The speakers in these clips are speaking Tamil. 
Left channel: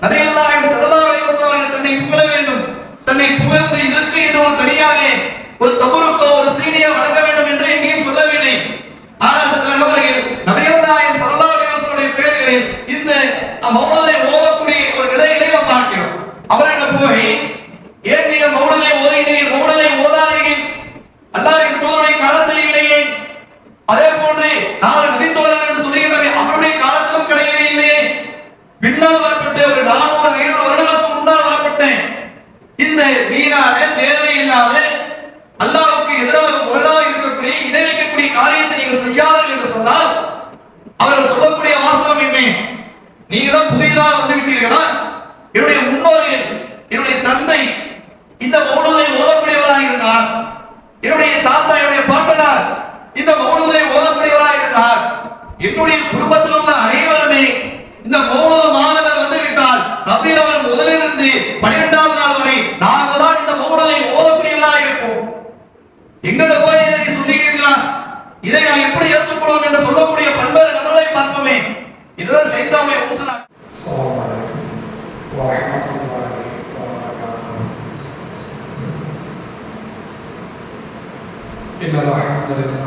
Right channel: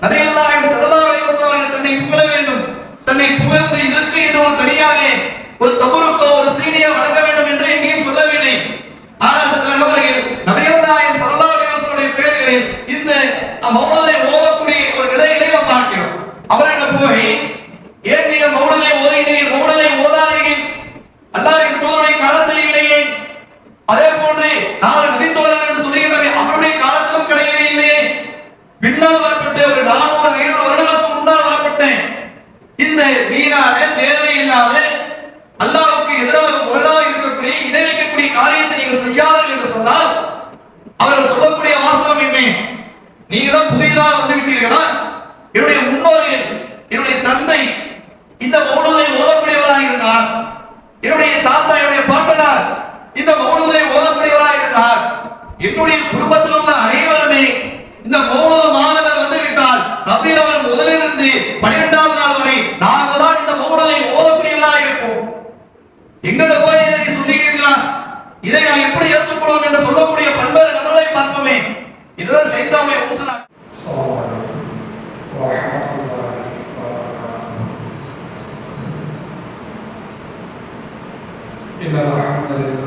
Nadie இந்த மௌனதை ஓதக்கூடியவராக இருந்தார் என்னுடைய குடும்பத்தில் உள்ள அனைவருமே இந்த மௌனத மாதங்கள் வந்து விட்டால் ரபில் அவர் முதலிலிருந்து பன்னிரெண்டாவது நாள் வரை நாங்கள் தான் இந்த மௌனதை ஓதக்கூடியவராக இருப்போம் எங்களை போய் இதை சொன்னீங்களா இதை நான் எப்படி ஏற்றுக்கொள்வோம் என்று சொல்லக்கூடிய பல்வேறு நபர்களை பார்ப்போமே இதுதான் சைத்தாவுடைய ஊசலா السلام عليكم ورحمة الله وبركاته إن الحمد لله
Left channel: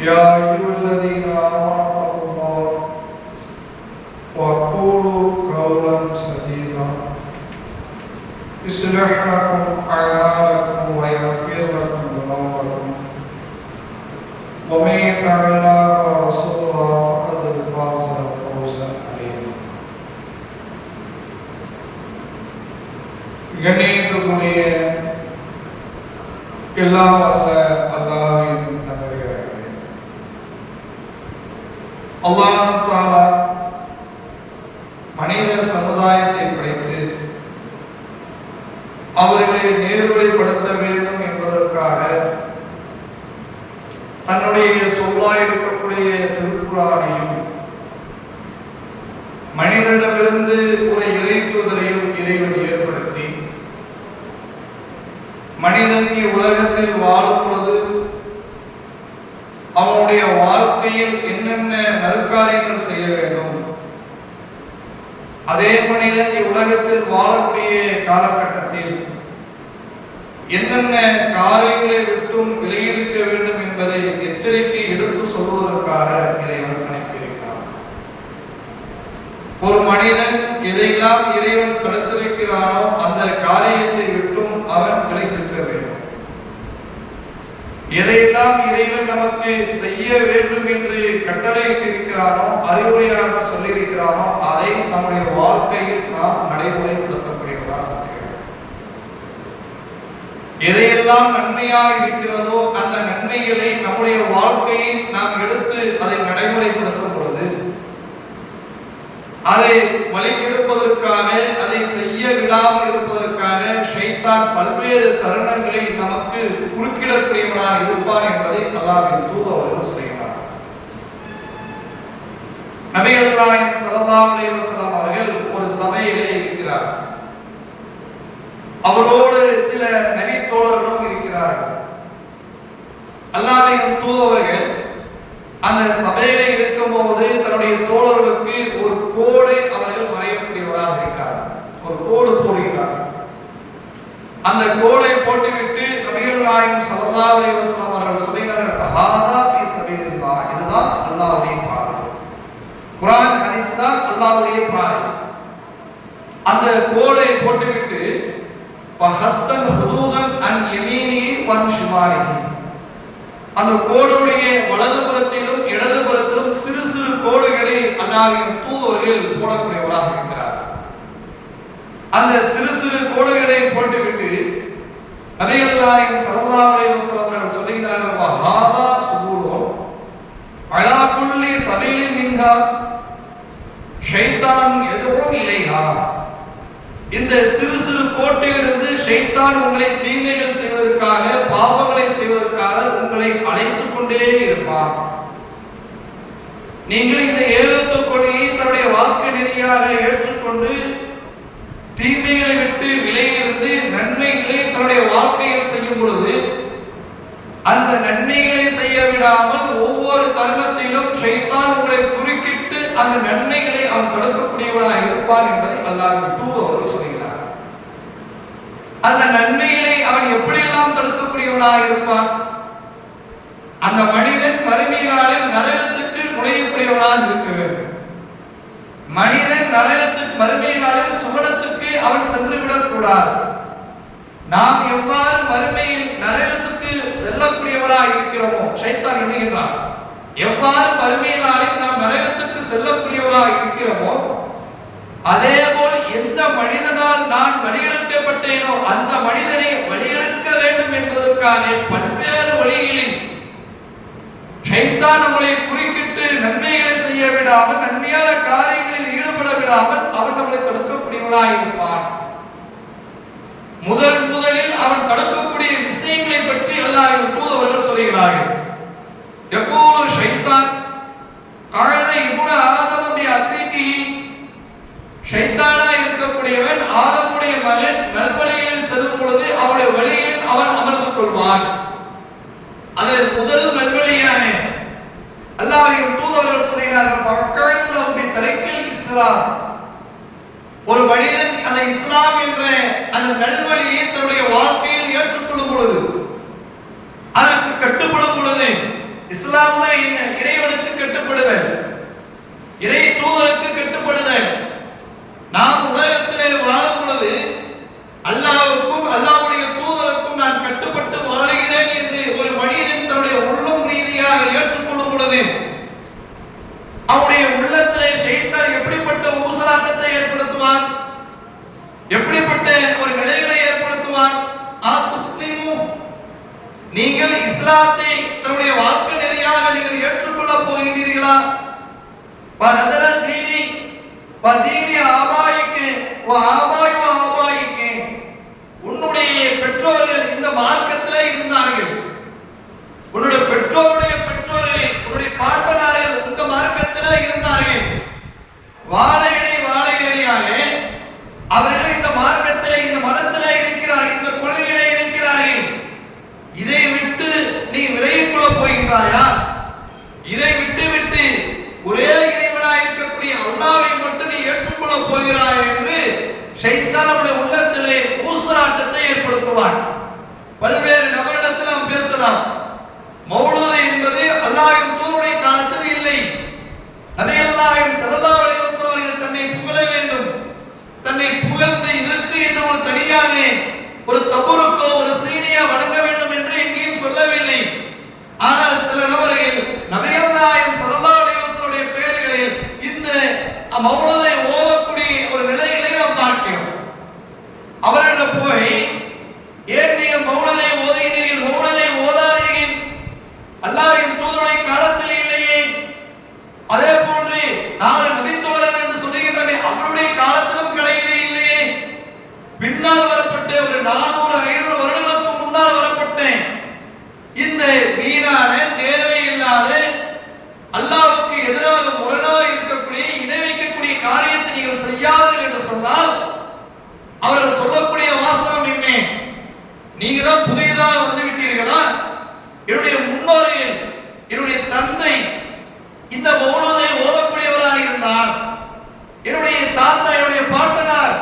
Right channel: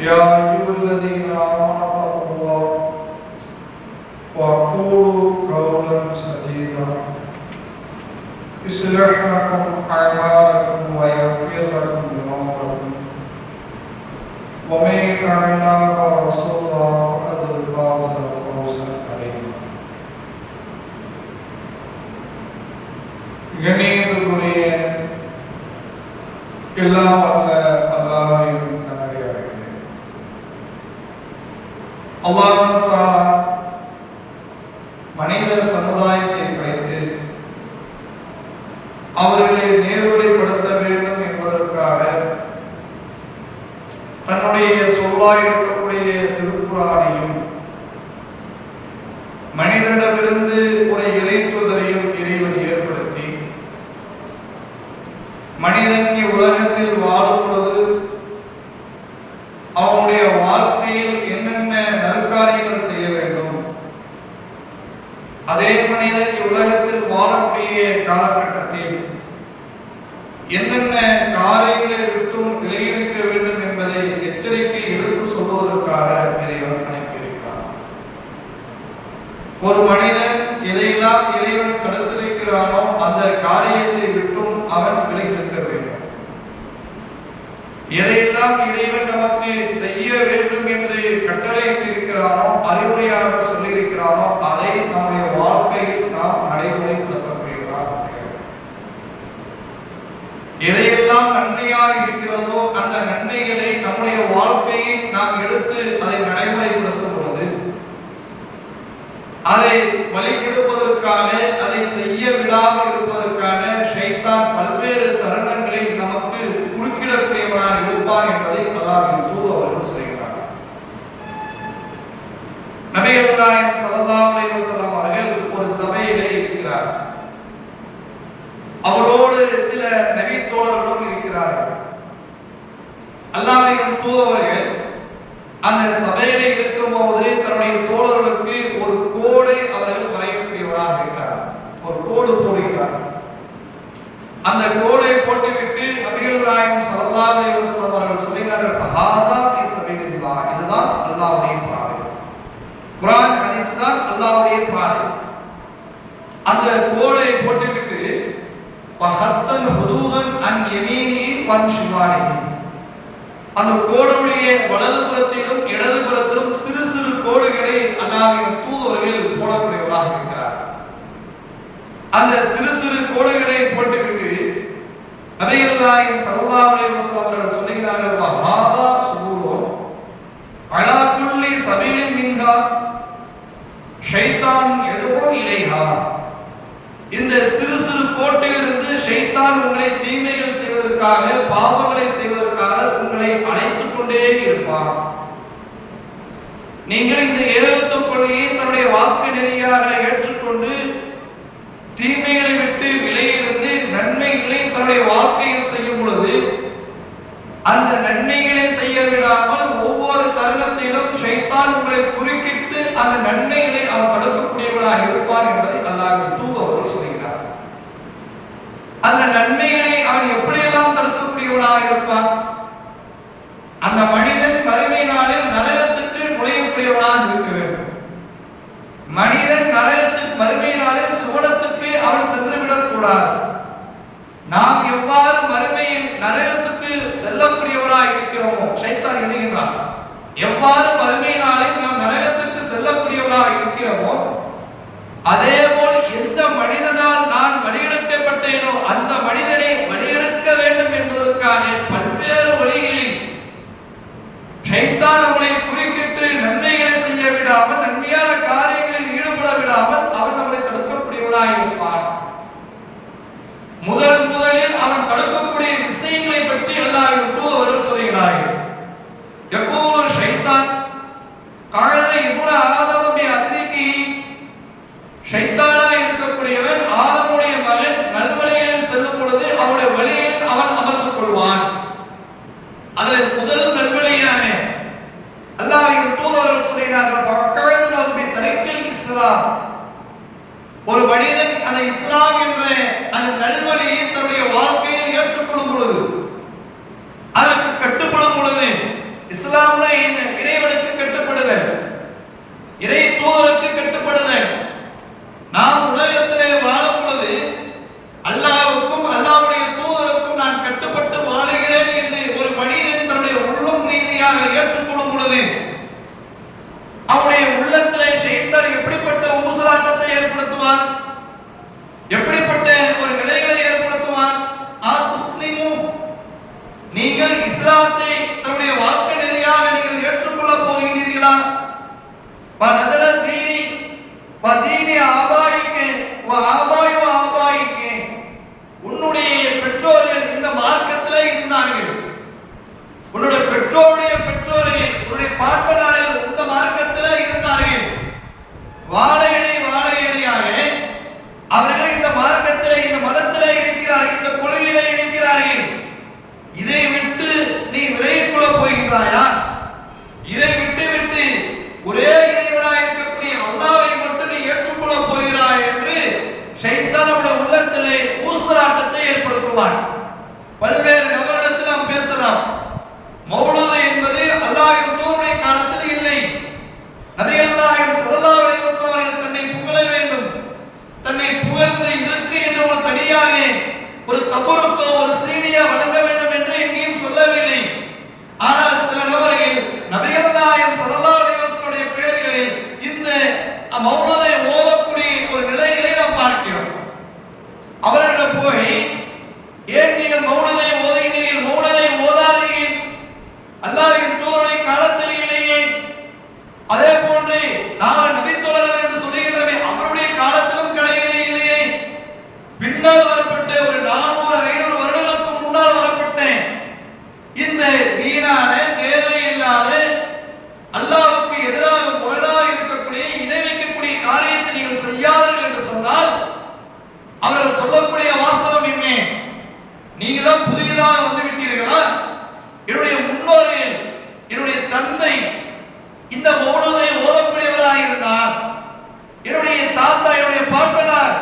يا أيها الذين آمنوا اتقوا الله وقولوا قولا سديدا يصلح لكم أعمالكم ويغفر لكم ذنوبكم ومن يطع الله ورسوله فقد فاز فوزا عظيما கண்ணியத்துக்குரிய எல்லாம் வல்ல மனிதன் இவ்வுலகத்தில் வாழும் பொழுது அவனுடைய வாழ்க்கையில் என்னென்ன நற்காரியங்கள் செய்ய வேண்டும்? அதே மனிதன் இவ்வுலகத்தில் வாழக்கூடிய காலகட்டத்தில் என்னென்ன காரியங்களை விட்டும் விலகியிருக்க வேண்டும் என்பதை எச்சரிக்கை எடுத்து சொல்வதற்காக இறைவன் அனுப்பியிருக்கிறான். ஒரு மனிதன் எதையெல்லாம் இறைவன் தடுத்திருக்கிறானோ அந்த காரியத்தை விட்டும் அவன் எதையெல்லாம் இறைவன் நமக்கு செய்ய வேண்டும் என்று கட்டளையிட்டிருக்கிறானோ அறிவுரையாக சொல்லியிருக்கிறானோ அதை நம்முடைய வாழ்க்கையில் நாம் நடைமுறைப்படுத்தக்கூடியவர்களாக எதையெல்லாம் நன்மையாக இருக்கிறதோ அந்த நன்மைகளை நம்முடைய வாழ்க்கையில் நாம் எடுத்து அதை நடைமுறைப்படுத்தும் பொழுது அதை வழிபடுவதற்காக அதை செய்ய விடாமல் இருப்பதற்காக ஷைத்தான் பல்வேறு தருணங்கள் குறிப்பிடக்கூடியவனாக இருப்பான் என்பதை அல்லாவின் தூது அவர்கள் சொல்கிறார் நபிகள்நாயகம் சல்லல்லாஹு அலைஹி அவர்கள் ஒரு சபையிலே இருக்கிறார் அவரோடு சில நபி தோழர்களும் இருக்கிறார்கள். அல்லாவின் தூதவர்கள் அந்த சபையிலே இருக்கும்போது தன்னுடைய தோழர்களுக்கு ஒரு கோடை அவர்கள் வரையக்கூடியவராக இருக்கிறார் ஒரு கோடு போடுகிறார் அந்த கோடை போட்டுவிட்டு நபிகள் நாயகம் ஸல்லல்லாஹு அலைஹி வஸல்லம் அவர்கள் சொல்லினார்கள் ஹாதா பி சபீலில்லாஹ் இதுதான் அல்லாவுடைய பாதை குரான் ஹதீஸ் தான் அல்லாவுடைய பாதை அந்த கோலை போட்டுவிட்டு பகத்தன் ஹுதூதன் அன் யமீனிஹி வன் ஷிமாலிஹி. அந்த கோடுடைய வலதுபுறத்திலும் இடதுபுறத்திலும் சிறு சிறு கோடுகளை அல்லாவின் தூதர்கள் போடக்கூடியவராக இருக்கிறார். அந்த சிறு சிறு கோடுகளை போட்டுவிட்டு நபிகள் நாயகம் ஸல்லல்லாஹு அலைஹி வஸல்லம் அவர்கள் சொல்கிறார்கள் வஹாதா சுபூலு அலா குல்லி சபீலின் மின்ஹா ஷைத்தான் எதுவும் இலைஹா இந்த சிறு சிறு கோட்டிலிருந்து ஷைத்தான் உங்களை தீமைகள் செய்வதற்காக பாவங்களை செய்வதற்காக உங்களை அழைத்துக் கொண்டே இருப்பார். நீங்கள் இந்த ஏழுத்து கொடியை தன்னுடைய வாக்கு நெறியாக ஏற்றுக்கொண்டு தீமைகளை விட்டு விலையிருந்து நன்மைகளை தன்னுடைய வாழ்க்கையில் செய்யும் பொழுது அந்த நன்மைகளை செய்ய விடாமல் ஒவ்வொரு தருணத்திலும் ஷைத்தான் உங்களை குறுக்கிட்டு அந்த நன்மைகளை அவன் தடுக்கக்கூடியவனாக இருப்பான் என்பதை அல்லாஹ் தூதவர்கள் சொல்கிறார். அந்த நன்மைகளை அவன் எப்படியெல்லாம் தடுக்கக்கூடியவனாக இருப்பான்? அந்த மனிதன் மறுமை நாளில் நரகத்துக்கு நுழையக்கூடியவனாக இருக்க வேண்டும். மனிதன் நரகத்துக்கு மறுமை நாளில் சுவனத்துக்கு அவன் சென்றுவிடக் கூடாது நாம் எவ்வாறு மறுமையில் நரகத்துக்கு செல்லக்கூடியவராய் இருக்கிறோமோ சைத்தான் எண்ணுகின்றான் எவ்வாறு மறுமையினாலே நாம் நரகத்துக்கு செல்லக்கூடியவராய் இருக்கிறோமோ அதே போல் எந்த மனிதனால் நான் வழியெடுக்கப்பட்டேனோ அந்த மனிதனை வழியெடுக்க வேண்டும் என்பதற்காக பல்வேறு வழிகளில் சைத்தான் நம்மளை குறுக்கிட்டு நன்மைகளை செய்ய விடாமல் நன்மையான காரியம் விடாமல் அவன் நம்மளை தடுக்கக்கூடியவனாய் இருப்பான் முதல் முதலில் அவன் தடுக்கக்கூடிய விஷயங்களை பற்றி எல்லாரும் தூதவர்கள் சொல்கிறார்கள். எப்போது ஷைத்தான் கழுதை இபுன ஆதமபி அத்ரிகி ஷைத்தானா இருக்கக்கூடியவன் ஆதமுடைய மகன் நல்வழியில் செல்லும் பொழுது அவனுடைய வழியில் அவன் அமர்ந்து கொள்வான். அதில் முதல் நல்வழியான அல்லாஹ்வின் தூதர்கள் சொல்கிறார்கள் பக்கத்தில் அவருடைய தலைக்கில் இஸ்லாம். ஒரு மனிதன் அந்த இஸ்லாம் என்ற அந்த நல்வழியை தன்னுடைய வாழ்க்கையில் ஏற்றுக்கொள்ளும் பொழுது அதற்கு கட்டுப்படும் பொழுது இஸ்லாம்னா என்ன? இறைவனுக்கு கட்டுப்படுதல். இறை தூதருக்கு கட்டுப்படுதல். நாம் உலகத்திலே வாழும் பொழுது அல்லாவுக்கும் அல்லாவுடைய தூதருக்கும் நான் கட்டுப்பட்டு வாழுகிறேன் என்று ஒரு மனிதன் தன்னுடைய உள்ளும் ரீதியாக ஏற்றுக்கொள்ளும் பொழுது அவனுடைய உள்ளத்திலே ஷைத்தான் எப்படிப்பட்ட ஊசலாட்டத்தை ஏற்படுத்துவான். எப்படிப்பட்ட ஒரு நிலைகளை ஏற்படுத்துவான்? நீங்கள் இஸ்லாத்தை தன்னுடைய வாக்கு நிலையாக நீங்கள் ஏற்றுக்கொள்ள போகின்றீர்களா? வ தீனி பதீனி ஆபாய்க்கு ஆபாய் ஆபாய்க்கு உன்னுடைய பெற்றோர்கள் இந்த மார்க்கத்திலே இருந்தார்கள். உன்னுடைய பெற்றோருடைய பெற்றோர்கள் உன்னுடைய பாட்டனார்கள் இந்த மார்க்கத்திலே இருந்தார்கள். வாழையடி அவர்கள் இந்த மார்க்கத்திலே இந்த மதத்திலே இருக்கிறார்கள் இந்த கொள்கையிலே இருக்கிறார்கள். இதை விட்டு நீ விலகிக் கொள்ள போகின்றாயா? இதை விட்டு விட்டு ஒரே இறைவனாக இருக்கக்கூடிய அல்லாவை மட்டும் நீ ஏற்றுக்கொள்ள போகிறாய் என்று சைத்தானோட உள்ளத்திலே ஊசலாட்டத்தை ஏற்படுத்துவான். பல்வேறு நபரிடத்தில் நாம் பேசலாம். மௌலூது என்பது அல்லாஹின் தூருடைய காலத்தில் இல்லை. நபிகள்நாயகம் ஸல்லல்லாஹு அலைஹி வஸல்லம் தன்னை புகழ வேண்டும். தன்னை புகழ்ந்து இதற்கு என்று ஒரு தனியாக ஒரு தப்பு தாத்தா என்னுடைய பாட்டனார்.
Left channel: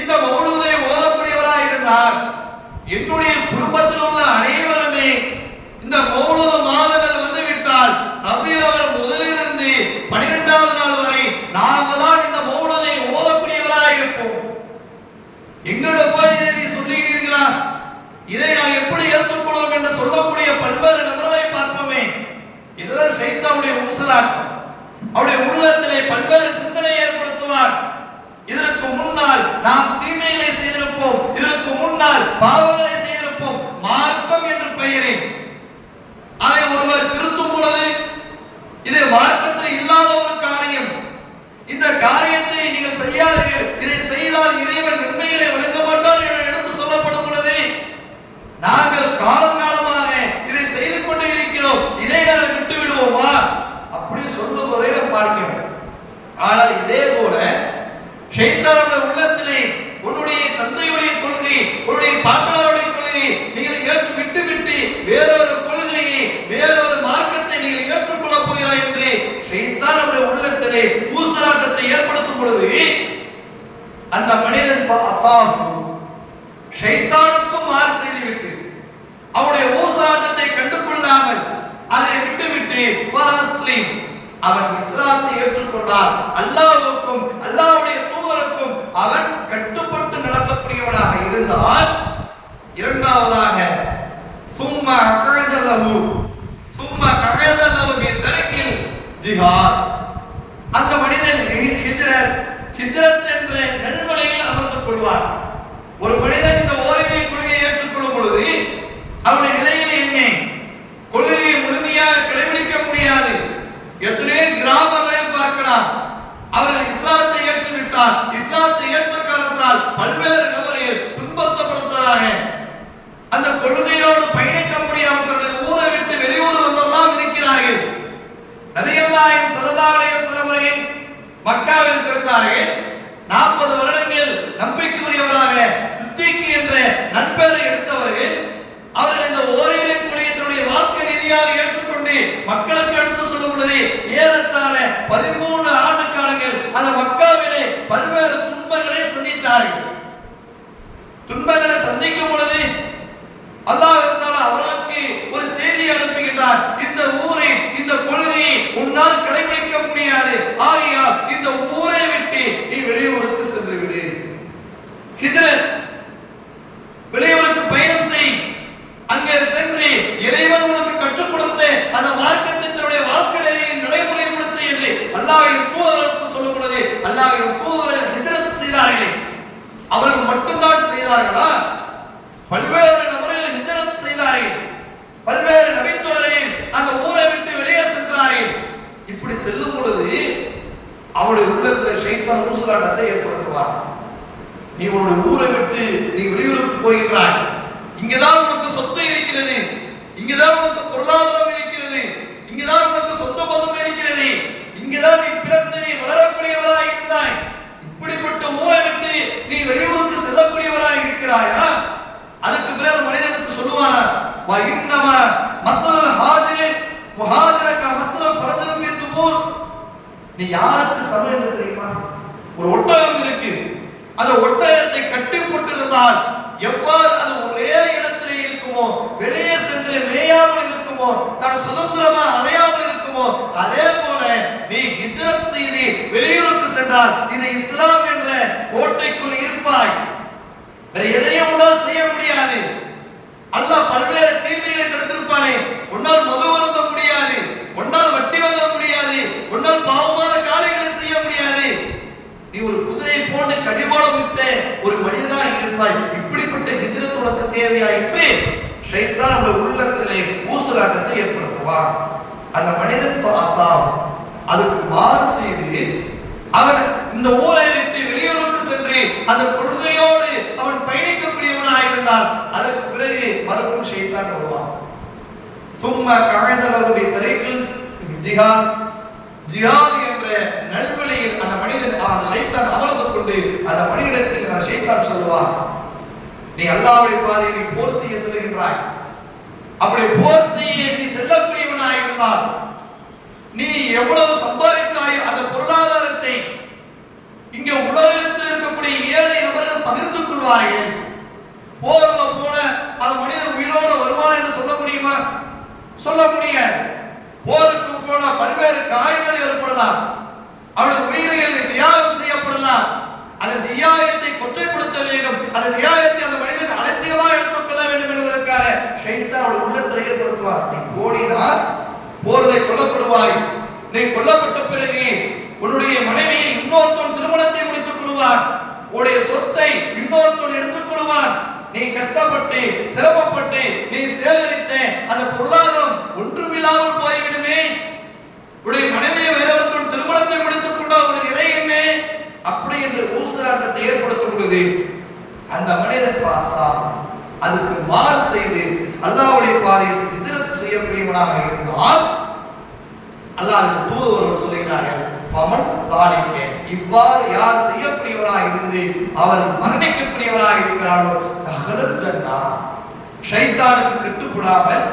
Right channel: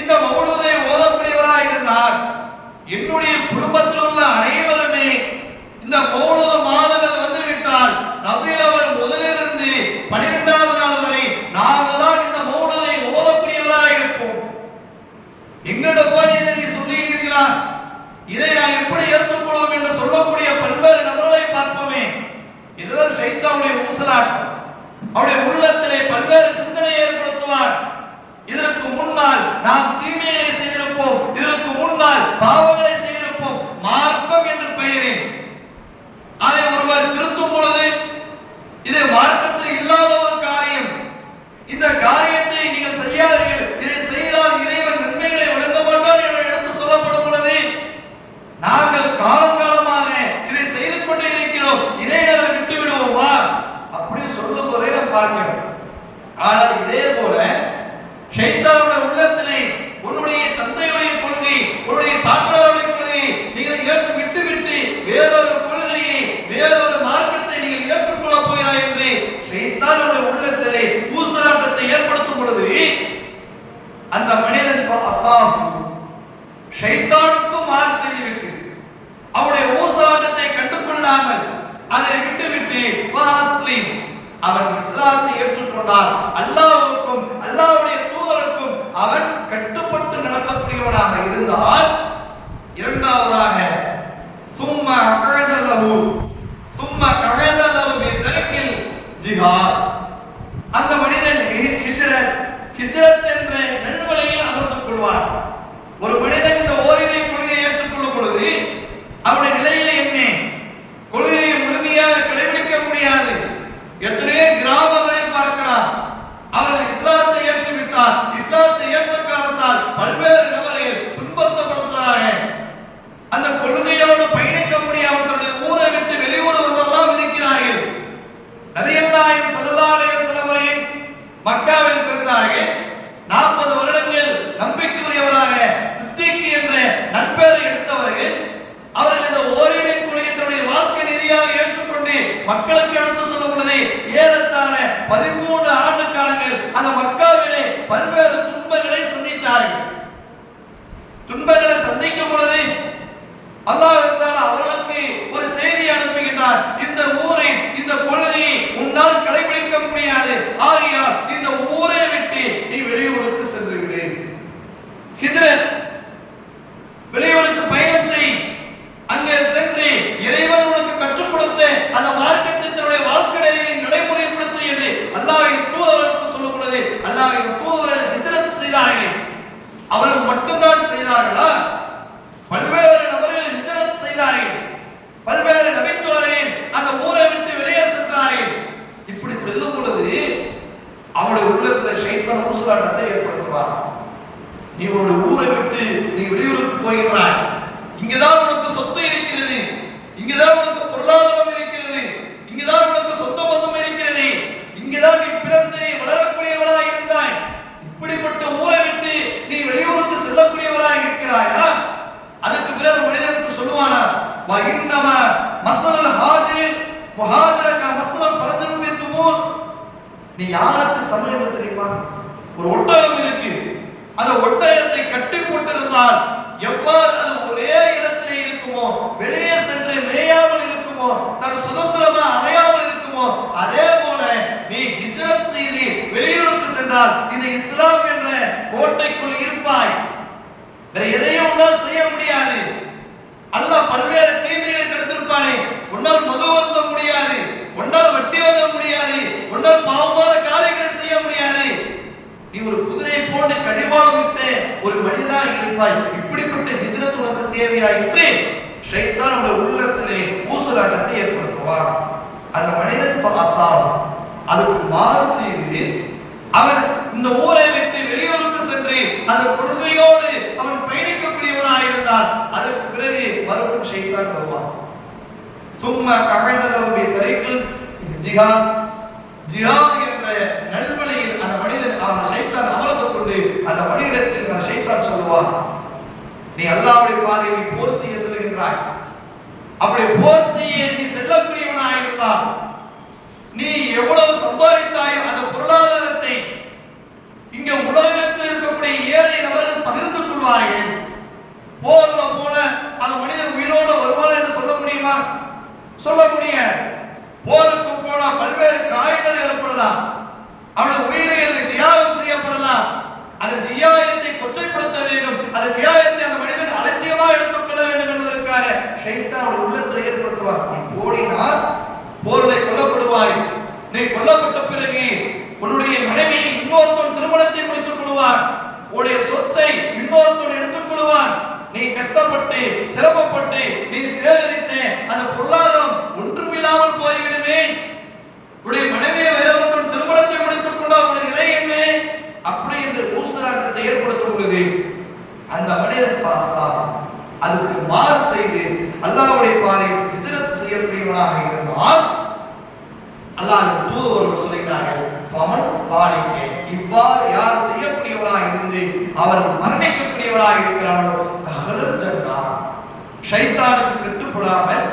இந்த மௌனதை ஓதக்கூடியவராக இருந்தார். என்னுடைய குடும்பத்தில் உள்ள அனைவருமே இந்த மௌனத மாதங்கள் வந்து விட்டால் ரபியில் அவர் முதலிருந்து பனிரெண்டாவது நாள் வரை நாங்கள் தான் இந்த மௌனதை ஓதக்கூடியவராக இருப்போம். எங்களோட போய் நீ சொல்லியிருக்கிறீர்களா இதை நான் எப்படி ஏற்றுக்கொள்வோம் என்று சொல்லக்கூடிய பல்வேறு நபர்களை பார்ப்போமே. இதுதான் செய்தவுடைய ஊசலாட்டம். அவருடைய உள்ளத்திலே பல்வேறு சிந்தனை ஏற்படுத்துவார். இதற்கு முன்னால் நாம் தீமைகளை செய்திருப்போம். இதற்கு முன்னால் பாவங்களை செய்திருப்போம். மார்க்கம் என்று பெயரேன். அதை ஒருவர் திருத்தும் பொழுது இது மார்க்கத்தில் இல்லாத ஒரு காரியம். இந்த காரியத்தை நீங்கள் செய்யாதீர்கள். இதை செய்தால் இறைவன் நன்மைகளை வழங்க மாட்டார் என்று எடுத்து சொல்லப்படும் பொழுது நாங்கள் காலங்காலமாக நீ யாருக்கு சமம் என்று தெரியுமா? ஒரு ஒட்டகம் இருக்கு. அந்த ஒட்டகத்தை கட்டி கொண்டிருந்தால் எவ்வாறு அது ஒரே இடத்திலே இருக்குமோ வெளியே சென்று மேயாமல் இருக்குமோ தன் சுதந்திரமா அமையாமல் இருக்குமோ அதே போல நீ ஹிஜ்ரத் செய்து வெளியூருக்கு சென்றால் இந்த இஸ்லாம் என்ற கோட்டைக்குள் இருப்பாய். வேற எதையும் உன்னால் செய்ய முடியாது. அல்லாஹ் பல்வேறு தீமைகளை தடுத்திருப்பானே. உன்னால் மது வருந்த முடியாது. உன்னால் வட்டி வாங்க முடியாது. உன்னால் பாவமான காரியங்களை செய்ய முடியாது. நீ ஒரு குதிரை போன்று கடிவாளம் விட்ட ஒரு மனிதனாக இருப்பாய். இப்படிப்பட்ட ஹிஜ்ரத் உனக்கு தேவையாயிற்று ஷைத்தான் நம்முடைய உள்ளத்திலே ஊசலாட்டத்தை ஏற்படுத்துவார். அந்த மனிதன் அசாம் அதுக்கு மாறு செய்து அவன் இந்த ஊரை விட்டு வெளியூருக்கு சென்று அந்த கொள்கையோடு அவன் பயணிக்கக்கூடியவனாக இருந்தான். அதற்கு பிறகு மறுபடியும் ஷைத்தான் வருவான். சும்மா கழைதளவுடைய தரைக்குள் ஜிஹாத் ஜிஹாத் என்ற நல்வழியில் அந்த மனிதன் அவன் சைத்தான் அமர்ந்து கொண்டு அந்த மனிதத்தில் அந்த சைத்தான் சொல்லுவான் நீ அல்லாவுடைய பாதையில் நீ போர் செய்ய செல்கின்றாய் அப்படி போர் செய்ய நீ செல்லக்கூடியவனாக இருந்தால் நீ எவ்வளவு சம்பாதித்தாயோ அந்த பொருளாதாரத்தை இங்க உலகத்தில் இருக்கக்கூடிய ஏழை நபர்கள் பகிர்ந்து கொள்வார்கள். போர்ல போன அந்த மனிதன் உயிரோடு வருவான் என்று சொல்ல முடியுமா? சொல்லக்கூடிய போருக்கு போன பல்வேறு காயங்கள் ஏற்படலாம். அவனுடைய உயிர்கள் தியாகம் செய்யப்படலாம். அந்த தியாகத்தை கொச்சைப்படுத்த வேண்டும். அந்த தியாகத்தை அந்த மனிதன் அலட்சியமாக எடுத்துக்கொள்ள வேண்டும் என்பதற்காக ஷைத்தான் அவருடைய உள்ளத்தில் ஏற்படுத்துவார். நீ ஓடினால் போர்களை கொல்லப்படுவாய். நீ கொல்லப்பட்ட பிறகு உன்னுடைய மனைவியை இன்னொருத்தன் திருமணத்தை முடித்துக் கொள்வான். உன்னுடைய சொத்தை இன்னொருத்தன் எடுத்துக் கொள்வான். நீ கஷ்டப்பட்டு சிரமப்பட்டு நீ சேகரித்த அந்த பொருளாதாரம் ஒன்றுமில்லாமல் போய்விடுமே. உடைய மனைவியை வேறொருத்தன் திருமணத்தை முடித்துக் கொண்டால் ஒரு நிலை என்ன? அப்படி என்று ஊசலாட்டத்தை ஏற்படுத்தும் பொழுது அந்த மனிதன் பாசா அதுக்கு மாறு செய்து அல்லாவுடைய பாதையில் எதிரத்து செய்யக்கூடியவனாக இருந்தால் அல்லாஹ் தூதுவர்கள் சொல்கிறார்கள் பவன் லாலிக்க இவ்வாறு யார் செய்யக்கூடியவராக இருந்து அவர் மரணிக்கக்கூடியவராக இருக்கிறாரோ தகவல் ஜன்னா. ஷைத்தானுக்கு கட்டுப்படாமல்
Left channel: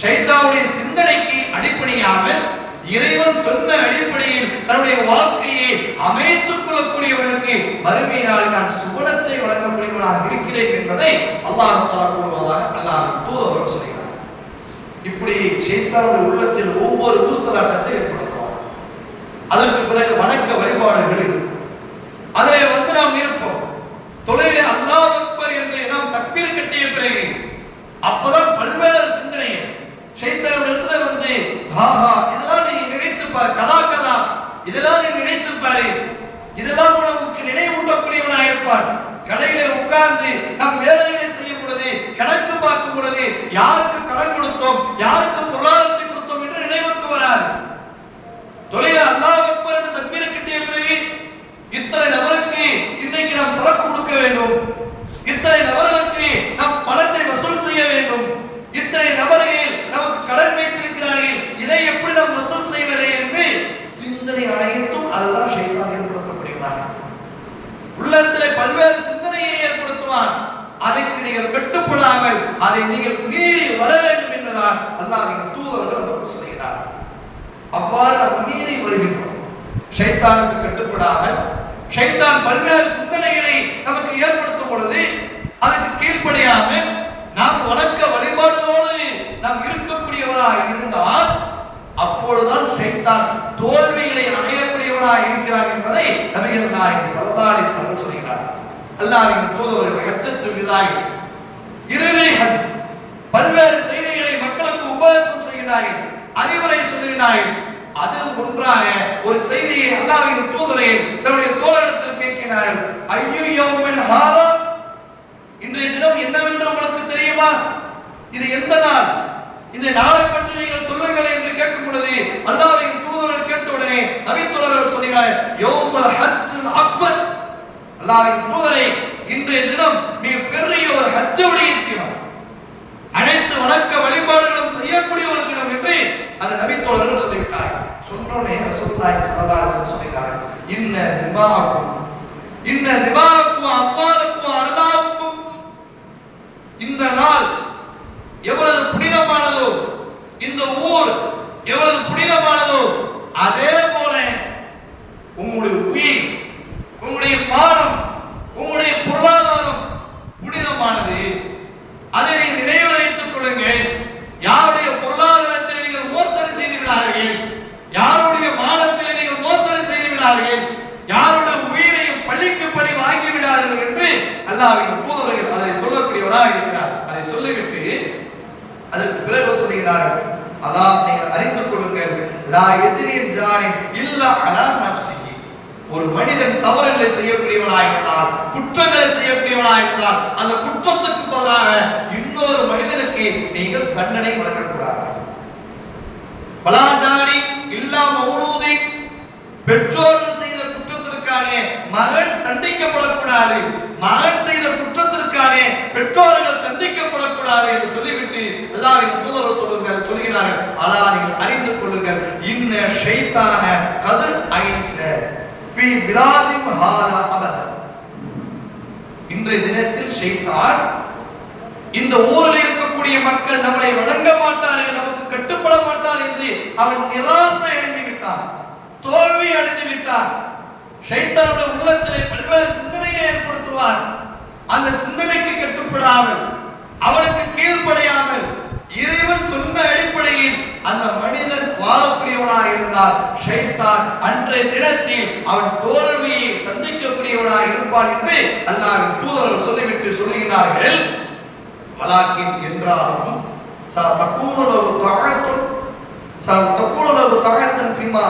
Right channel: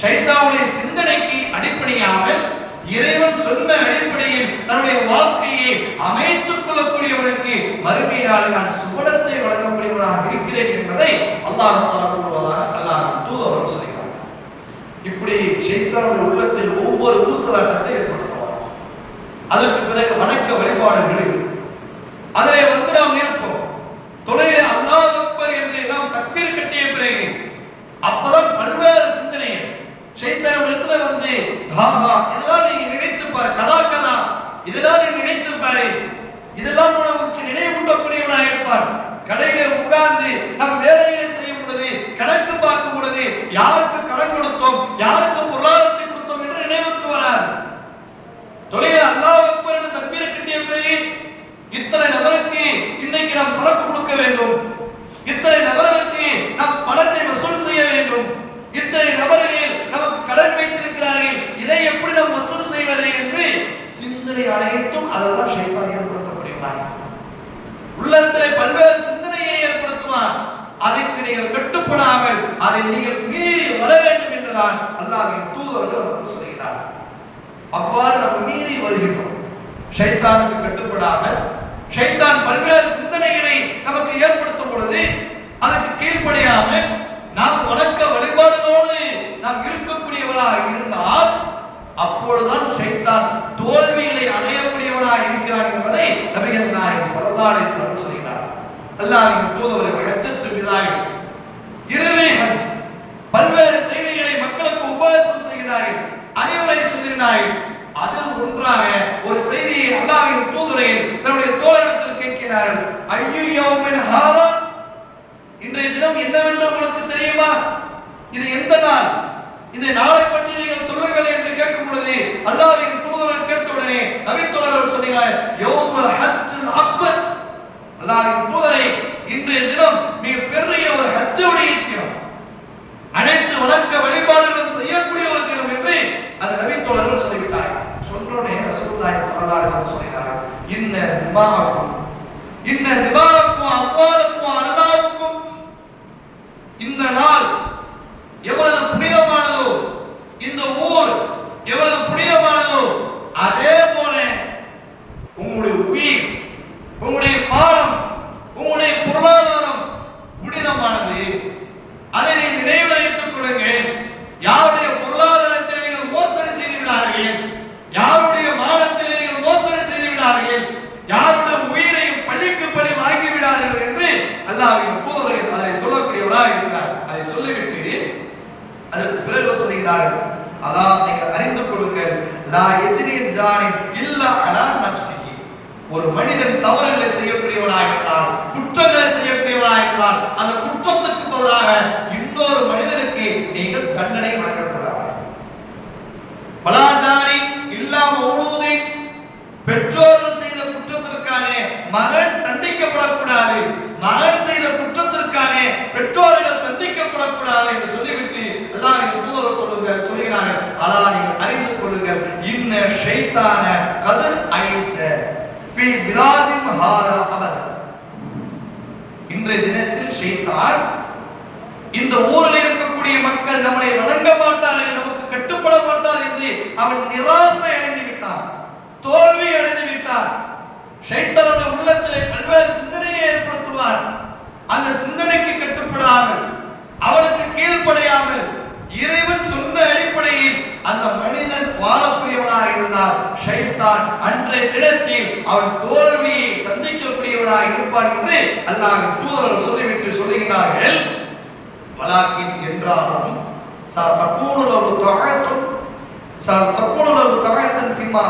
ஷைத்தானுடைய சிந்தனைக்கு அடிப்படையாமல் இறைவன் சொன்ன அடிப்படையில் தன்னுடைய வாழ்க்கையை அமைத்துக் கொள்ளக்கூடியவனுக்கு மறுமை நான் சுவனத்தை வழங்கக்கூடியவனாக இருக்கிறேன் என்பதை அல்லாஹ் கூறுவதாக அல்லாஹ் தூதுவர்கள் சொல்கிறார். இப்படி சைத்தாவுடைய உள்ளத்தில் ஒவ்வொரு ஊசலாட்டத்தை ஏற்படுத்தும். அதற்கு பிறகு வணக்க வழிபாடுகள் இருக்கு. அதிலே வந்து நாம் இருப்போம் தொழிலே அல்லாஹ் அக்பர் என்று நாம் தக்பீர் கட்டிய பிறகு அப்பதான் பல்வேறு சிந்தனைகள். சைத்தானுடைய இடத்துல வந்து ஹாஹா இதெல்லாம் நீ நினைத்து பாரு கதா கதா. இதெல்லாம் நீ நினைத்து பாரு. இதெல்லாம் உனக்கு நினைவூட்டக்கூடியவனாக இருப்பான். கடைகளை உட்கார்ந்து நம் வேலைகளை செய்யும் பொழுது கணக்கு பார்க்கும் பொழுது யாருக்கு கடன் கொடுத்தோம் யாருக்கு பொருளாதாரத்தை கொடுத்தோம் என்று நினைவுக்கு வராது. தொழில அல்லாஹ் அக்பர் என்று தக்பீரை கட்டிய பிறகு இத்தனை நபருக்கு இன்னைக்கு நாம் சரக்கு கொடுக்க வேண்டும். இத்தனை நபர்களுக்கு நாம் பணத்தை வசூல் செய்ய வேண்டும். இத்தனை நபர்கள் நமக்கு கடன் வைத்திருக்கிறார்கள். இதை எப்படி நாம் வசூல் செய்வது என்று சிந்தனை அனைத்தும் அதுதான் ஷைத்தான் ஏற்படுத்தப்படுகிறார். உள்ளத்தில் பல்வேறு சிந்தனையை ஏற்படுத்துவான். அதற்கு நீங்கள் கட்டுப்படாமல் அதை நீங்கள் மீறி வர வேண்டும் என்றுதான் அல்லாஹின் தூதர்கள் நமக்கு சொல்கிறார் அவ்வாறு நம்ம மீறி வருகின்றோம். ஷைத்தானுக்கு கட்டுப்படாமல் ஷைத்தான் பல்வேறு சிந்தனைகளை நமக்கு ஏற்படுத்தும் பொழுது அதற்கு கீழ்ப்படியாமல் நாம் வணக்க வழிபாடுகளோடு நாம் இருக்கக்கூடியவராக இருந்தால் அப்பொழுதுதான் ஷைத்தான் தோல்விகளை அடையக்கூடியவனாக இருக்கிறான் என்பதை நபிகள் நாயகம் சரதாரி சரண் வஸல்லம் சொல்கிறார் அல்லாஹ்வின் தூதர்கள் ஹஜ்ஜத்து விதாய். இறுதி ஹஜ். பல்வேறு செய்திகளை மக்களுக்கு உபதேசம் செய்கிறார்கள். அறிவுரை சொல்கிறார்கள் அதில் ஒன்றாக ஒரு செய்தியை அல்லாவின் தூதரை தன்னுடைய தோழரிடத்தில் கேட்கிறார்கள். ஐயோ யௌமின் ஹாதா இன்றைய தினம் என்னவென்று உங்களுக்கு தெரியுமா? இது எந்த நாள்? இந்த நாளை பற்றி நீங்கள் சொல்லுங்கள் என்று கேட்கும் பொழுது அல்லாவின் தூதரன் கேட்ட உடனே நபி தோழர்கள் சொல்கிறார் யௌமுல் ஹஜ்ஜுல் அக்பர். அல்லாவின் தூதரை இன்றைய தினம் மிக பெரிய ஒரு ஹஜ்ஜுடைய தினம். அனைத்து வணக்க வழிபாடுகளும் செய்யக்கூடிய ஒரு தினம் என்று அந்த நபி தோழர்கள் சொல்லிவிட்டார்கள். சொன்னோடனே ரசூலுல்லாஹி ஸல்லல்லாஹு அலைஹி வஸல்லம் சொல்கிறார்கள் இன்ன திமாக்கும் இன்ன திமாக்கும் அம்வாலுக்கும் அனதாவுக்கும் இந்த நாள் எவ்வளவு புனிதமானதோ இந்த ஊர் எவ்வளவு புனிதமானதோ அதே போல உங்களுடைய உயிர் உங்களுடைய பாடம் உங்களுடைய பொருளாதாரம் புனிதமானது. அதை நீங்கள் நினைவு கொள்ளுங்கள் யாருடைய பொருளாதாரத்தில் நீங்கள் மோசடி செய்து விடார்கள் யாருடைய மானத்தில் நீங்கள் மோசடி செய்து விடார்கள் யாருடைய உயிரையும் பள்ளிக்கு படி வாங்கி விடார்கள் என்று அல்லாஹ்வின் தூதர்கள் அதை சொல்லக்கூடியவராக இருக்கிறார். அதை சொல்லிவிட்டு அதற்கு பிறகு சொல்லுகிறார்கள் அதான் நீங்கள் அறிந்து கொள்ளுங்கள். லா எஜ்ரியின் ஜானின் இல்லா அலா நப்சிஹி ஒரு மனிதன் தவறுகளை செய்யக்கூடியவனாக இருந்தால் குற்றங்களை செய்யக்கூடியவனாக இருந்தால் அந்த குற்றத்துக்கு பதிலாக இன்னொரு மனிதனுக்கு நீங்கள் தண்டனை வழங்கக்கூடாது. பலாஜாரி இல்லாம உழுவதை பெற்றோர்கள் செய்த குற்றத்திற்காக மகன் தண்டிக்கப்படக்கூடாது. மகன் செய்த குற்றத்திற்கானே பெற்றோர்கள் தண்டிக்கப்படக்கூடாது என்று சொல்லிவிட்டு அல்லாஹ்வின் தூதர் சொல்லுங்கள் சொல்கிறார்கள் அலா நீங்கள் அறிந்து கொள்ளுங்கள். இன்ன ஷைத்தான கதிர் ஐச ஃபி பிலாதிம் ஹாரா அபத. இன்றைய தினத்தில் ஷைத்தான் இந்த ஊரில் இருக்கக்கூடிய மக்கள் நம்மளை வணங்க மாட்டார்கள் நமக்கு கட்டுப்பட மாட்டார் என்று அவன் நிராசை அடைந்து விட்டான் தோல்வி அடைந்து விட்டான். ஷைத்தானுடைய உள்ளத்திலே பல்வேறு சிந்தனையை ஏற்படுத்துவான் அந்த சிந்தனைக்கு கட்டுப்படாமல் அவனுக்கு கீழ்ப்படையாமல் இறைவன் சொன்ன அடிப்படையில் அந்த மனிதன் வாழக்கூடியவனாக இருந்தால் ஷைத்தான் அன்றைய தினத்தில் அவன் தோல்வியை சந்திக்கக்கூடியவனாக இருப்பான் என்று அல்லாஹ் தூதர்கள் சொல்லிவிட்டு சொல்லுகிறார்கள் வலாக்கின் என்றாலும் சா தக்கூனு ஒரு தஆத்துன் சா له லவு فيما ஃபிமா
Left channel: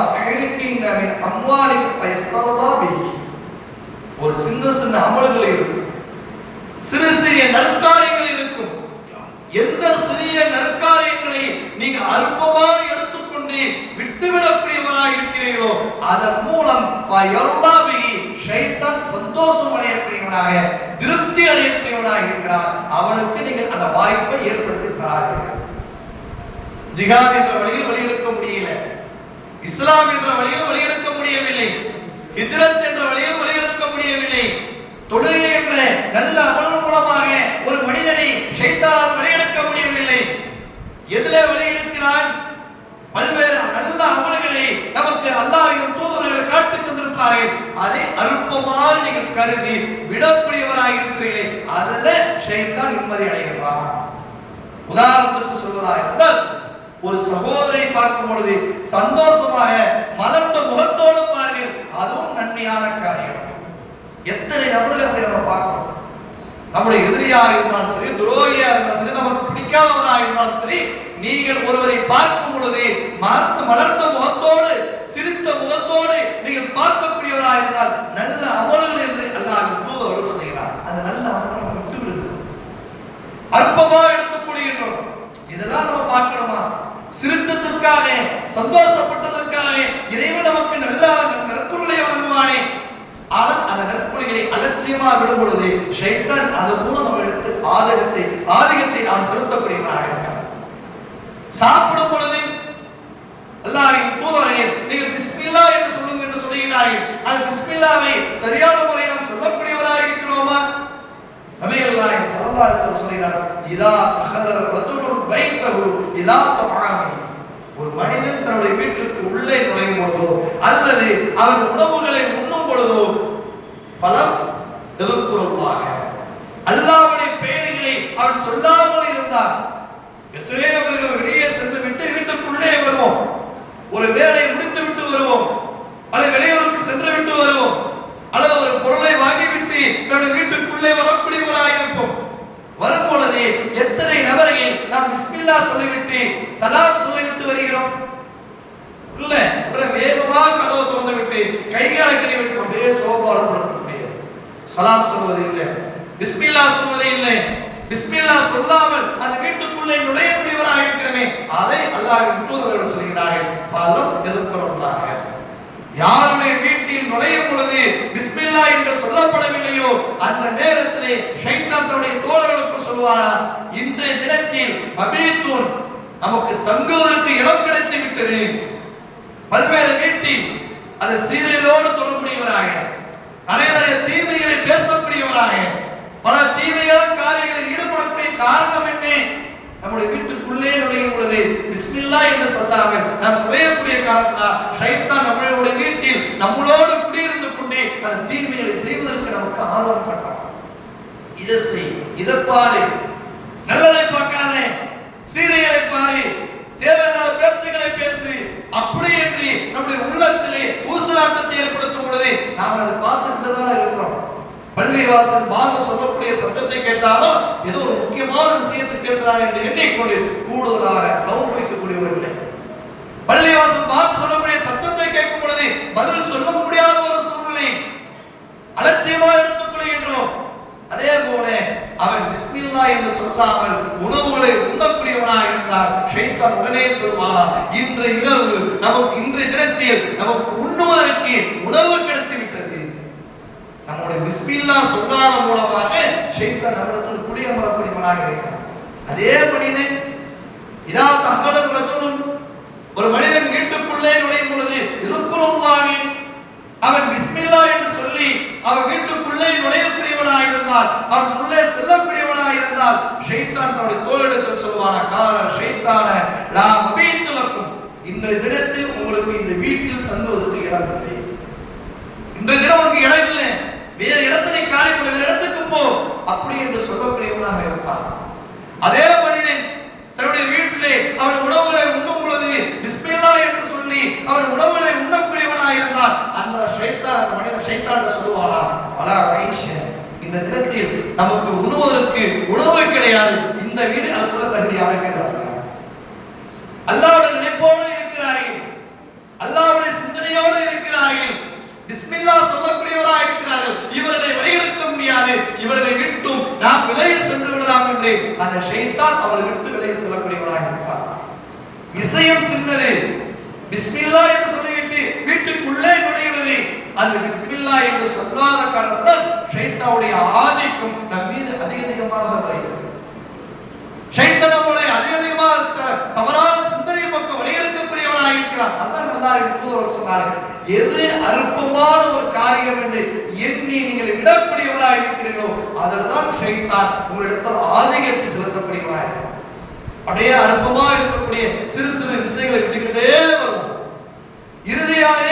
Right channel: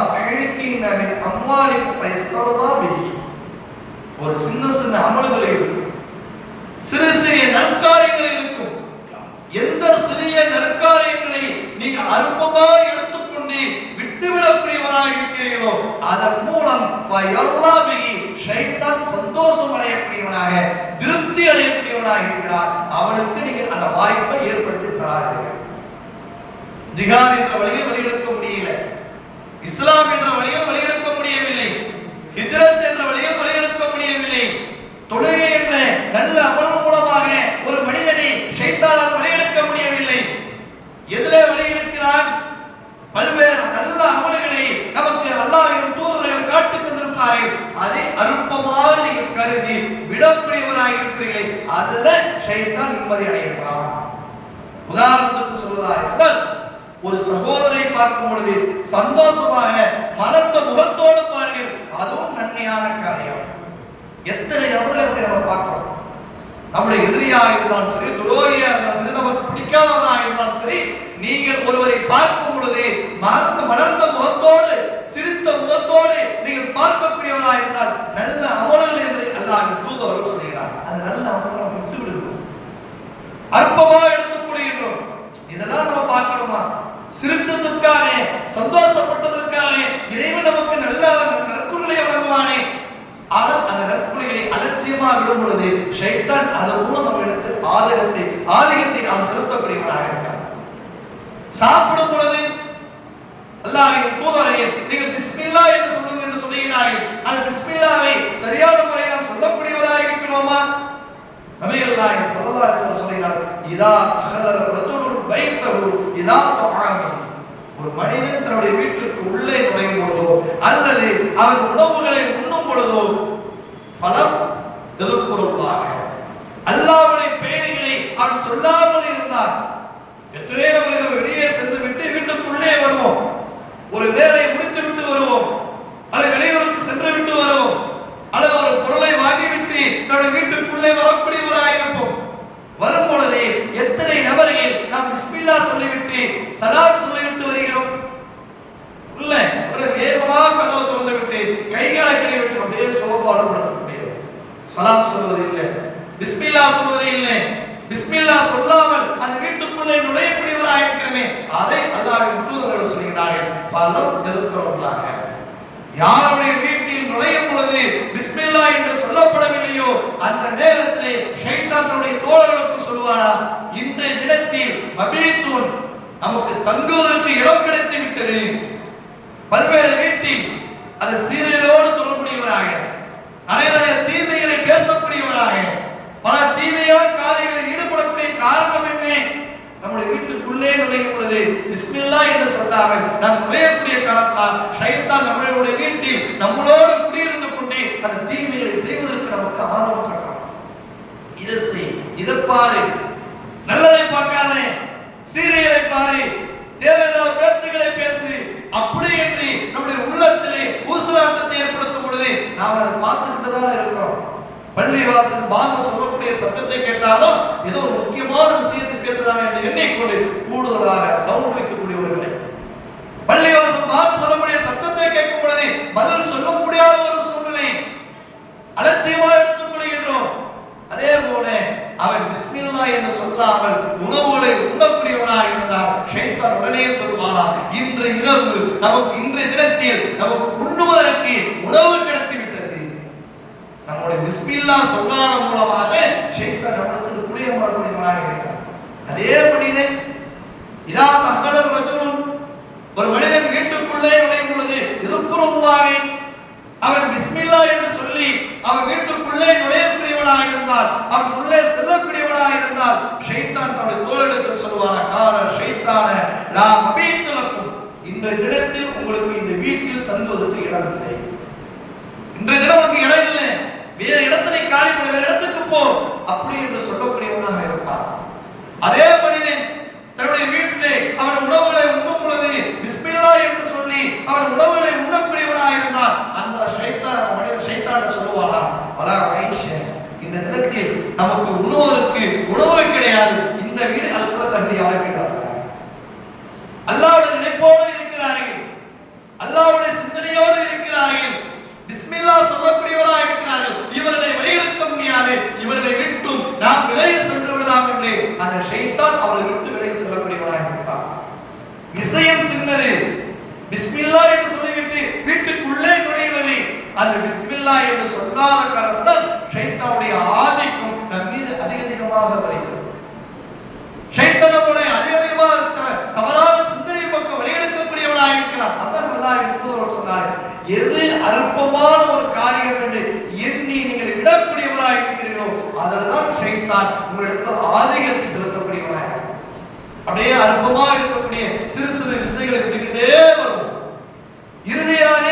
من மின் فيسر الله به ஒரு சின்ன சின்ன அமல்கள் இருக்கும். சிறு சிறிய நற்காரியங்கள் இருக்கும். எந்த சிறிய நற்காரியங்களை நீங்க அற்பமாக எடுத்துக்கொண்டு விட்டுவிடக்கூடியவராக இருக்கிறீர்களோ அதன் மூலம் ஃபயல்லாபிஹி ஷைத்தான் சந்தோஷம் அடையக்கூடியவனாக திருப்தி அடையக்கூடியவனாக இருக்கிறார். அவனுக்கு நீங்கள் அந்த வாய்ப்பை ஏற்படுத்தி தராதீர்கள் ஜிஹாத் என்ற வழியில் வழியெடுக்க முடியல. இஸ்லாம் என்ற வழியில் வழியெடுக்க முடியவில்லை. ஹிஜ்ரத் என்ற வழியில் வழியெடுக்க முடியவில்லை. தொழுகை என்ற நல்ல அமல் மூலமாக ஒரு மனிதனை ஷைத்தானால் வழியெடுக்க முடியவில்லை. எதிர வழியெடுக்கிறான் பல்வேறு நல்ல அமல்களை நமக்கு அல்லாவின் தூதர்கள் காட்டி தந்திருப்பார்கள் அதை அற்பமாக நீங்கள் கருதி விடக்கூடியவராக இருக்கிறீர்களே. அதுல ஷைத்தான் நிம்மதி அடைகின்றான். உதாரணத்துக்கு சொல்வதாக இருந்தால் ஒரு சகோதரை பார்க்கும் பொழுது சந்தோஷமாக மலர்ந்த முகத்தோடு பாருங்கள். அதுவும் நன்மையான காரியம். எத்தனை நபர்களை அப்படி நம்ம பார்க்கிறோம்? நம்முடைய எதிரியாக இருந்தாலும் சரி துரோகியா இருந்தாலும் சரி நமக்கு பிடிக்காதவனாக இருந்தாலும் சரி நீங்கள் ஒருவரை பார்க்கும் பொழுது மலர்ந்த மலர்ந்த முகத்தோடு சிரித்த முகத்தோடு நீங்கள் பார்க்கக்கூடியவராக இருந்தால் நல்ல அமல்கள் என்று அல்லாஹ் தூதவர்கள் சொல்கிறார். அது நல்ல அமலை நம்ம விட்டு விடுகிறோம் அற்பமா எடுத்துக் கொள்கின்றோம். இதெல்லாம் நம்ம பார்க்கணுமா? சிரிச்சதற்காக சந்தோஷப்பட்டதற்காக இறைவன் நமக்கு நல்ல நற்குறைகளை வழங்குவானே. ஆனால் அந்த நற்குறைகளை அலட்சியமா விடும் பொழுது ஷைத்தான் அது மூலம் நம்ம எடுத்து ஆதகத்தை ஆதிகத்தை நாம் செலுத்தக்கூடியவனாக இருக்கிறான் சாப்பிடும் பொழுது அல்லாஹ்வின் தூதரர்கள் நீங்கள் பிஸ்மில்லா என்று சொல்லுங்கள் என்று சொல்லுகிறார்கள். அந்த பிஸ்மில்லாவை சரியான முறையில் நாம் சொல்லக்கூடியவராக இருக்கிறோமா? நபிகள் நாயகம் ஸல்லல்லாஹு அலைஹி வஸல்லம் சொல்கிறார் இதா அஹல ரஜுலுன் பைத்தஹு இதா தஆமி. ஒரு மனிதன் தன்னுடைய வீட்டுக்கு உள்ளே நுழையும் பொழுதோ அல்லது அவன் உணவுகளை உண்ணும் பொழுதோ பலம் எதிர்ப்புறவாக அல்லாவுடைய பெயர்களை அவன் சொல்லாமல் இருந்தான். எத்தனை நபர்கள் வெளியே சென்று விட்டு வீட்டுக்குள்ளே வருவோம். ஒரு வேலை முடித்து விட்டு வருவோம். அல்லது வெளியூருக்கு சென்று விட்டு வருவோம். அல்லது ஒரு பொருளை வாங்கிவிட்டு தன்னுடைய வீட்டுக்குள்ளே வரக்கூடிய ஒரு வரும் பொழுது எத்தனை நபர்கள் நாம் பிஸ்மில்லா சொல்லிவிட்டு சலாம் சொல்லிவிட்டு வருகிறோம் இல்ல உடனே வேகமா கதவு திறந்து விட்டு கைகாலை கழுவி விட்டு அப்படியே சோபால படுக்கக்கூடியது சலாம் சொல்வது இல்லை பிஸ்மில்லா சொல்வது இல்லை பிஸ்மில்லா சொல்லாமல் அந்த வீட்டுக்குள்ளே நுழையக்கூடியவராக இருக்கிறமே அதை அல்லாவின் தூதர்கள் சொல்கிறார்கள். பலம் எதிர்க்கிறதாக யாருடைய வீட்டில் நுழையும் பொழுது பிஸ்மில்லா என்று சொல்லப்படவில்லையோ அந்த நேரத்திலே ஷைத்தானுடைய தோழர்களுக்கு சொல்வாரா இன்றைய தினத்தில் மபீத்தூன் நமக்கு தங்குவதற்கு இடம் கிடைத்து விட்டது பல்வேறு வீட்டில் அது சீரியலோடு தொடர்புடையவராக. நிறைய தீமைகளை பேசக்கூடியவராக பல தீமையான காரியங்களில் ஈடுபடக்கூடிய காரணம் என்ன? நம்முடைய வீட்டுக்குள்ளே நுழையும் பொழுது பிஸ்மில்லா என்று சொல்லாமல் நாம் நுழையக்கூடிய காரணத்தால் ஷைத்தான் நம்மளுடைய வீட்டில் நம்மளோடு குடியிருந்து கொண்டே அந்த தீமைகளை செய்வதற்கு நமக்கு ஆர்வம் காட்டுறான் இதை செய் இதை பாரு. நல்லதை பார்க்காதே. சீரியலை பாரு. தேவையில்லாத பேச்சுகளை பேசு. அப்படி என்று நம்முடைய உள்ளத்திலே ஊசலாட்டத்தை ஏற்படுத்தும் பொழுது நாம் அதை பார்த்துக்கிட்டுதான் இருக்கிறோம். பள்ளிவாசல் பாங்க சொல்லக்கூடிய சத்தத்தை கேட்டாலும் ஏதோ ஒரு முக்கியமான விஷயத்தை பேசுறாங்க என்று எண்ணிக்கொண்டு கூடுதலாக சவுண்ட் வைக்கக்கூடியவர்களே பள்ளிவாசல் பாங்க சொல்லக்கூடிய சத்தத்தை கேட்கும் பொழுது பதில் சொல்ல முடியாத ஒரு சூழ்நிலை. அலட்சியமா எடுத்துக் கொள்கின்றோம் அதே போல அவன் பிஸ்மில்லா என்று சொல்லாமல் உணவுகளை உண்ணக்கூடியவனாக இருந்தால் ஷைத்தான் உடனே சொல்வானா இன்று இரவு நமக்கு இன்றைய தினத்தில் நமக்கு உண்ணுவதற்கு உணவு கிடைத்து விட்டது நம்முடைய பிஸ்மில்லா சொல்லாத மூலமாக ஷைத்தான் நம்மிடத்தில் குடிய வரக்கூடியவனாக இருக்கிறான். அதே மனிதன் இதா தகவல் ரஜுல் ஒரு மனிதன் வீட்டுக்குள்ளே நுழையும் பொழுது எதிர்ப்புறவுதாக அவன் பிஸ்மில்லா என்று சொல்லி அவன் வீட்டுக்குள்ளே பெரியவனாக இருந்தால் அவன் உள்ளே செல்லக்கூடியவனாக இருந்தால் ஷைத்தான் தன்னுடைய தோளிடத்தில் சொல்வான கால ஷைத்தான நாம் மபீத்துலக்கும். இன்றைய தினத்தில் உங்களுக்கு இந்த வீட்டில் தங்குவதற்கு இடம் இல்லை. இன்றைய தினம் உனக்கு இடம் இல்லை. வேறு இடத்தை நீ காலி பண்ண வேற இடத்துக்கு போ. அப்படி என்று சொல்லக்கூடியவனாக இருப்பான். அதே மனிதன் தன்னுடைய வீட்டிலே அவன் உணவுகளை உண்ணும் பொழுது பிஸ்மில்லா என்று சொல்லி அவன் உணவுகளை உண்ணக்கூடியவனாக இருந்தால் அந்த ஷைத்தான் மனிதன் ஷைத்தான் சொல்லுவானா? பல ஐஷ இந்த நிலத்தில் நமக்கு உண்ணுவதற்கு உணவு கிடையாது. இந்த தகுதியான கேட்டாங்க அல்லாவுடைய நினைப்போடு இருக்கிறார்கள். அல்லாவுடைய சிந்தனையோடு இருக்கிறார்கள். பிஸ்மில்லா சொல்லக்கூடியவராக இருக்கிறார்கள். இவர்களை வழிகெடுக்க முடியாது. இவர்களை விட்டும் நாம் விலகி சென்று விடலாம் என்று அந்த ஷைத்தான் அவர்களை விட்டு விலகி செல்லக்கூடியவராக இருக்கிறார். விஷயம் சின்னது. பிஸ்மில்லா என்று சொல்லிவிட்டு வீட்டுக்குள்ளே நுழைவது அந்த பிஸ்மில்லா என்று சொல்லாத காரணத்தால் ஷைத்தாவுடைய ஆதிக்கம் நம் மீது அதிக அதிகமாக வருகிறது. ஷைத்தான போல அதிக அதிகமாக தவறான சிந்தனை பக்கம் வழியெடுக்கக்கூடியவனாக இருக்கிறான். அதான் நல்லா அவர் சொன்னார். எது அற்பமான ஒரு காரியம் என்று எண்ணி நீங்கள் விடக்கூடியவராக இருக்கிறீர்களோ அதில் தான் ஷைத்தான் உங்களிடத்தில் ஆதிக்கத்தை செலுத்தக்கூடியவனாக அப்படியே அற்பமாக இருக்கக்கூடிய சிறு சிறு விஷயங்களை விட்டுக்கிட்டே வரும் இறுதியாக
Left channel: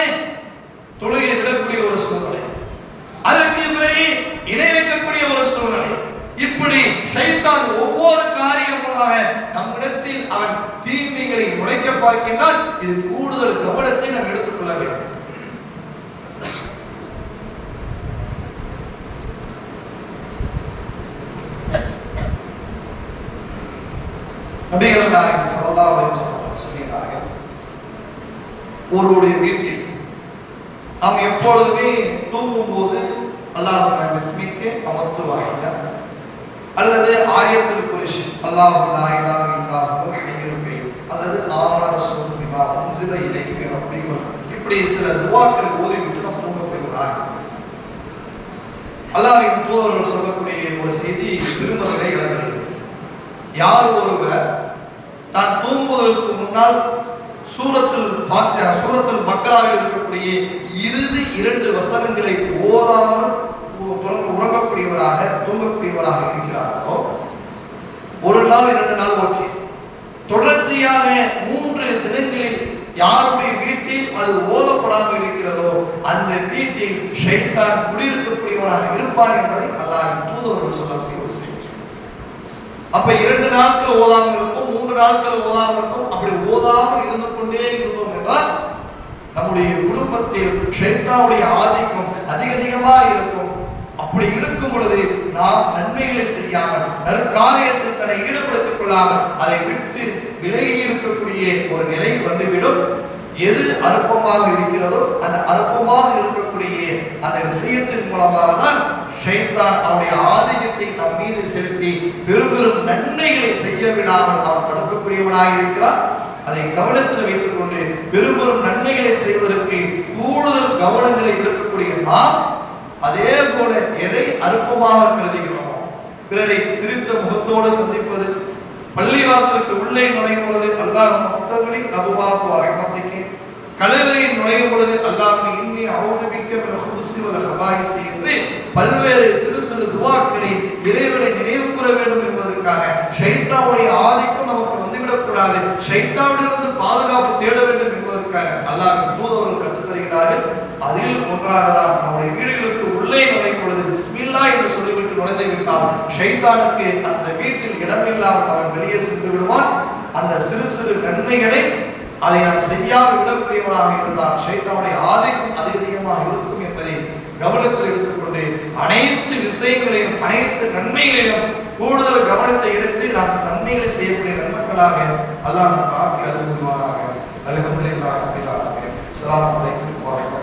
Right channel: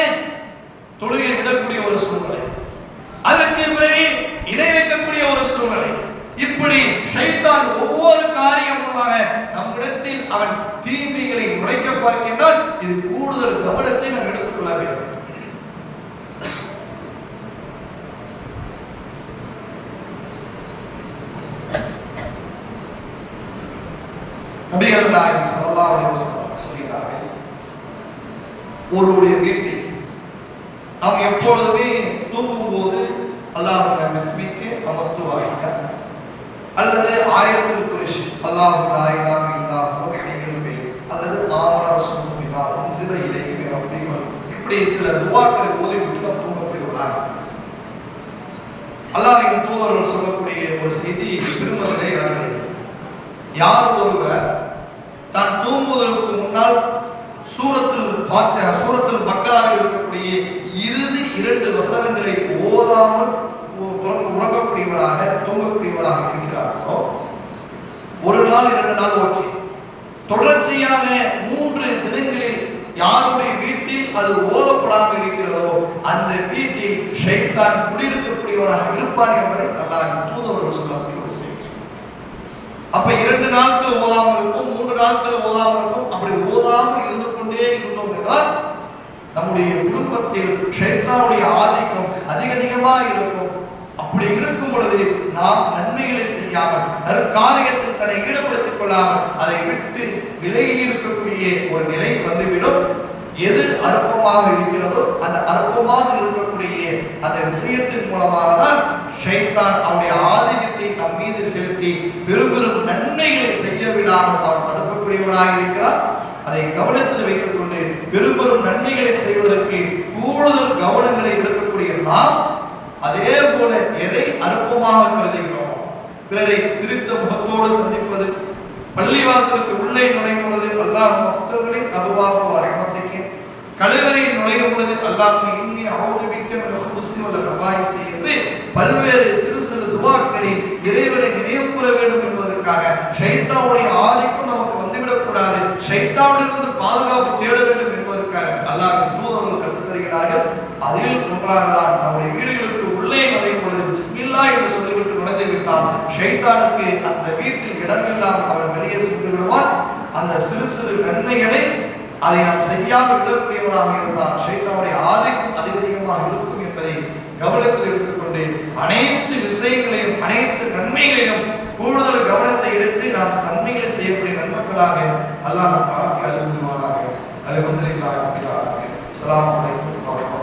தொழுகை விடக்கூடிய ஒரு சூழ்நிலை. அதற்கு பிறகு இணை வைக்கக்கூடிய ஒரு சூழ்நிலை. இப்படி சைத்தான் ஒவ்வொரு காரியமாக நம்மிடத்தில் அவன் தீமைகளை நுழைக்க பார்க்கின்றால் இது கூடுதல் கவனத்தை நாம் எடுத்துக்கொள்ள வேண்டும். நபிகள் நாயகம் ஸல்லல்லாஹு அலைஹி வஸல்லம் ஒருவருடைய வீட்டில் நாம் எப்பொழுதுமே தூங்கும் போது அல்லாஹ் பிஸ்மிக்கு அமர்த்து வாங்கிக்க அல்லது ஆயத்தில் குரிஷ் அல்லாஹ் நாயிலாக இல்லாமல் இல்லாஹு அல்லது ஆமன ரசூல் பிமா சில இலைஹி மின் இப்படி சில துஆக்களை ஓதி விட்டு நாம் தூங்கக்கூடிய ஒரு ஆயுதம் அல்லாஹின் தூதர்கள் சொல்லக்கூடிய ஒரு செய்தி திருமணத்தை இழந்தது யார் ஒருவர் தான் தூங்குவதற்கு முன்னால் சூரத்தில் ஃபாத்திஹா சூரத்தில் மக்களாக இருக்கக்கூடிய இறுதி இரண்டு வசனங்களை ஓதாமல் உறங்கக்கூடியவராக தூங்கக்கூடியவராக இருக்கிறார்களோ ஒரு நாள் இரண்டு நாள் ஓகே. தொடர்ச்சியாக மூன்று தினங்களில் யாருடைய வீட்டில் அது ஓதப்படாமல் இருக்கிறதோ அந்த வீட்டில் ஷைத்தான் குடியிருக்கக்கூடியவனாக இருப்பார் என்பதை அல்லாஹ் தூதவர்கள் சொல்லக்கூடிய ஒரு செய்தி. அப்ப இரண்டு நாட்கள் ஓதாமல் இருப்போம் மூன்று நாட்கள் ஓதாமல் இருப்போம் அப்படி ஓதாமல் இருந்து இருந்தோம் என்றால் நம்முடைய குடும்பத்தில் ஷைத்தானுடைய ஆதிக்கம் அதிக அதிகமாக இருக்கும். அப்படி இருக்கும் பொழுது நாம் நன்மைகளை செய்யாமல் நற்காரியத்தில் தன்னை ஈடுபடுத்திக் கொள்ளாமல் அதை விட்டு விலகி இருக்கக்கூடிய ஒரு நிலை வந்துவிடும். எது அற்பமாக இருக்கிறதோ அந்த அற்பமாக இருக்கக்கூடிய அந்த விஷயத்தின் மூலமாக தான் ஷைத்தான் அவனுடைய ஆதிக்கத்தை நம் மீது செலுத்தி பெரும் பெரும் நன்மைகளை செய்ய விடாமல் அவன் தடுக்கக்கூடியவனாக இருக்கிறான். அதை கவனத்தில் வைத்துக் கொண்டு நன்மைகளை செய்வதற்கு கூடுதல் கவனங்களை எடுக்கக்கூடிய நாம் அதே போல எதை அற்பமாக கருதுகிறோமோ பிறரை சிரித்த முகத்தோடு சந்திப்பது பள்ளிவாசலுக்கு உள்ளே நுழையும் பொழுது அல்லாஹ் மஃப்தகளின் அபுவாக்குவார். எண்ணத்தைக்கு கலைவரையில் நுழையும் பொழுது அல்லாஹ் இன்னி அவுது மிக்க மிக ஹபாயிசி என்று பல்வேறு சிறு சிறு துவாக்களை இறைவரை நினைவு கூற வேண்டும் என்பதற்காக ஷைத்தாவுடைய ஆதிக்கம் நமக்கு வந்துவிடக் கூடாது. ஷைத்தாவிலிருந்து பாதுகாப்பு தேட வேண்டும் என்பதற்காக அல்லாஹ் தூதர்கள் கற்றுத்தருகிறார்கள் அதில் ஒன்றாக தான் நம்முடைய வீடுகளுக்கு உள்ளே நுழையும் பொழுது பிஸ்மில்லா என்று சொல்லிவிட்டு நுழைந்து விட்டால் ஷைத்தானுக்கு அந்த வீட்டில் இடமில்லாமல் அவன் வெளியே சென்று விடுவான். அந்த சிறு சிறு நன்மைகளை அதை நாம் செய்யாமல் விடக்கூடியவனாக இருந்தால் சைத்தானுடைய ஆதிக்கம் அதிகமாக இருக்கும் என்பதை கவனத்தில் எடுத்துக்கொண்டு அனைத்து விஷயங்களையும் அனைத்து நன்மைகளையும் கூடுதல் கவனத்தை எடுத்து நாம் நன்மைகளை செய்யக்கூடிய நன்மக்களாக அல்லாஹ் தாக்கி அருள்வாராக அல்ஹம்துலில்லாஹி ரப்பில் ஆலமீன். அஸ்ஸலாமு அலைக்கும் வரஹ்மத்துல்லாஹி